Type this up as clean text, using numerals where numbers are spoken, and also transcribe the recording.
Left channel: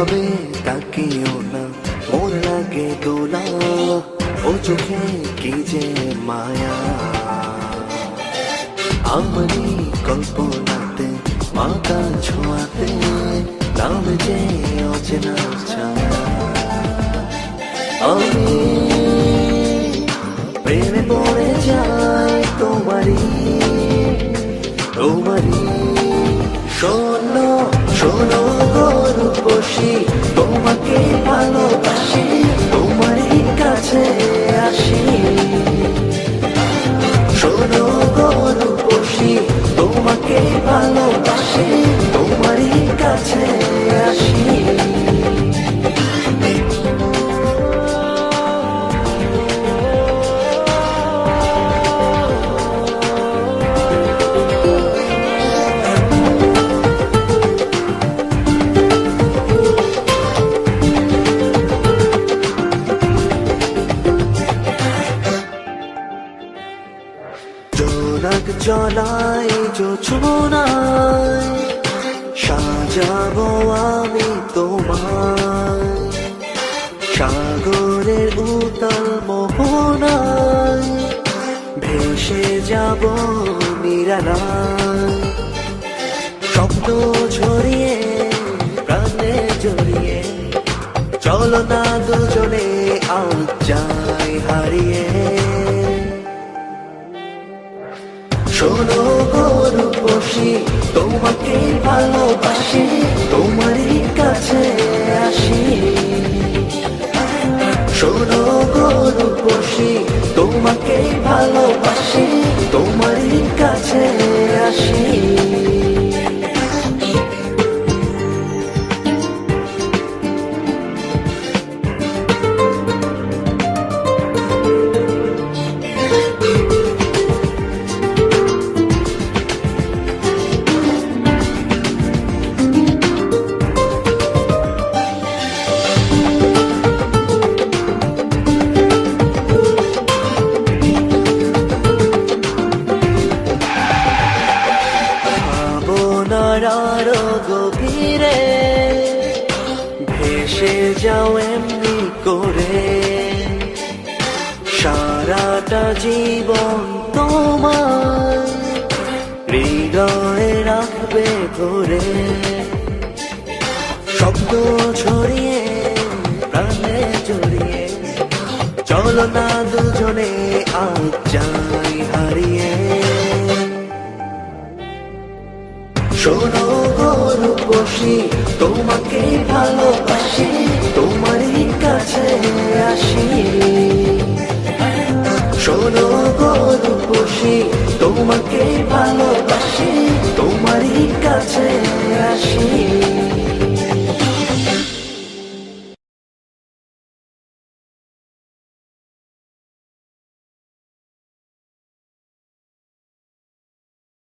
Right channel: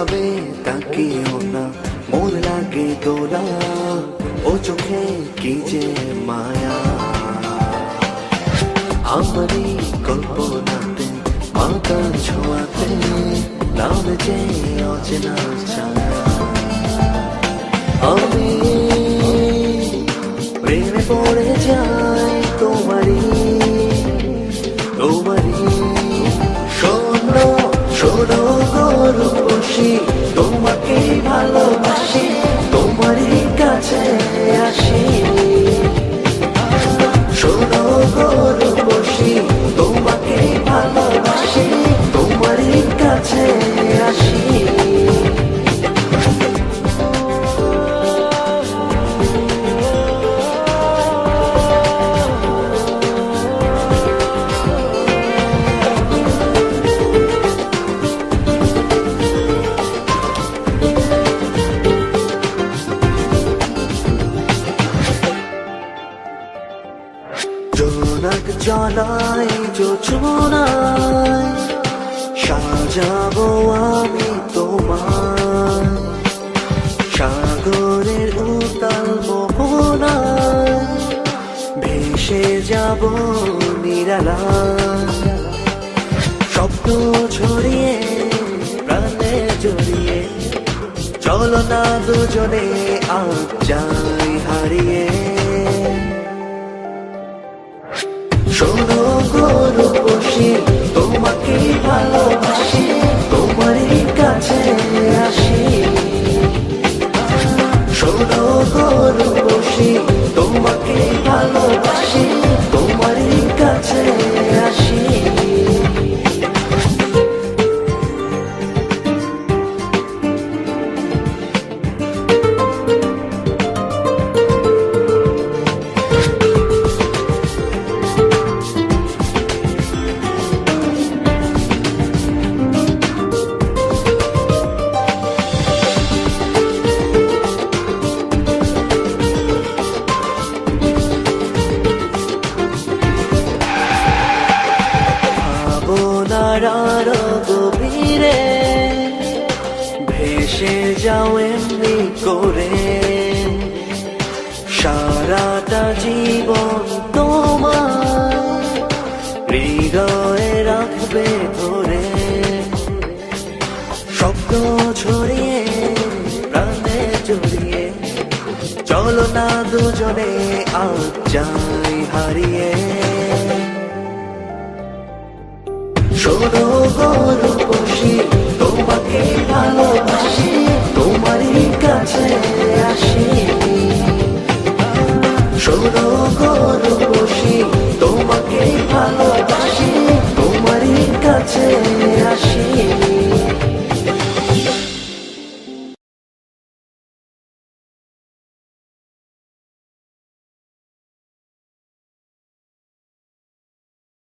ওভাবে তাকিও না, মোর লাগে দোলা, ও চোখে কি যে মায়া। আমারই কল্পনাতে মাতার ছোঁয়াতে নামে যে অচেনা ছায়া। আমি প্রেমে পড়ে যাই তোমারই তোমারই। শোনো শোনো গো রূপসী, তোমাকে ভালোবাসি, তোমারই কাছে আসি। শোনো গো রূপসী, তোমাকে ভালোবাসি, তোমারই কাছে আসি। জোনাক জলাই জোছনায় সাজাবো আমি তোমায়, সাগরের উতাল মোহনায় ভেসে যাব নিরালায়। শব্দ ছড়িয়ে প্রাণে জড়িয়ে চলো না দুজনে আজ যাই হারিয়ে। শোনো গো রূপসী, তোমাকে ভালোবাসি, তোমারই কাছে আসি। শোনো গো রূপসী, তোমাকে ভালোবাসি, তোমারই কাছে আসি। আরো গভীরে ভেসে যাও এমনি করে, সারাটা জীবন তোমায় হৃদয়ে রাখবে ধরে। শব্দ ছড়িয়ে প্রাণে জড়িয়ে চলো না দুজনে আজ যাই হারিয়ে। শোনো গো রূপসী, তোমাকে ভালোবাসি, তোমারই কাছে আসি। শোনো গো রূপসী, তোমাকে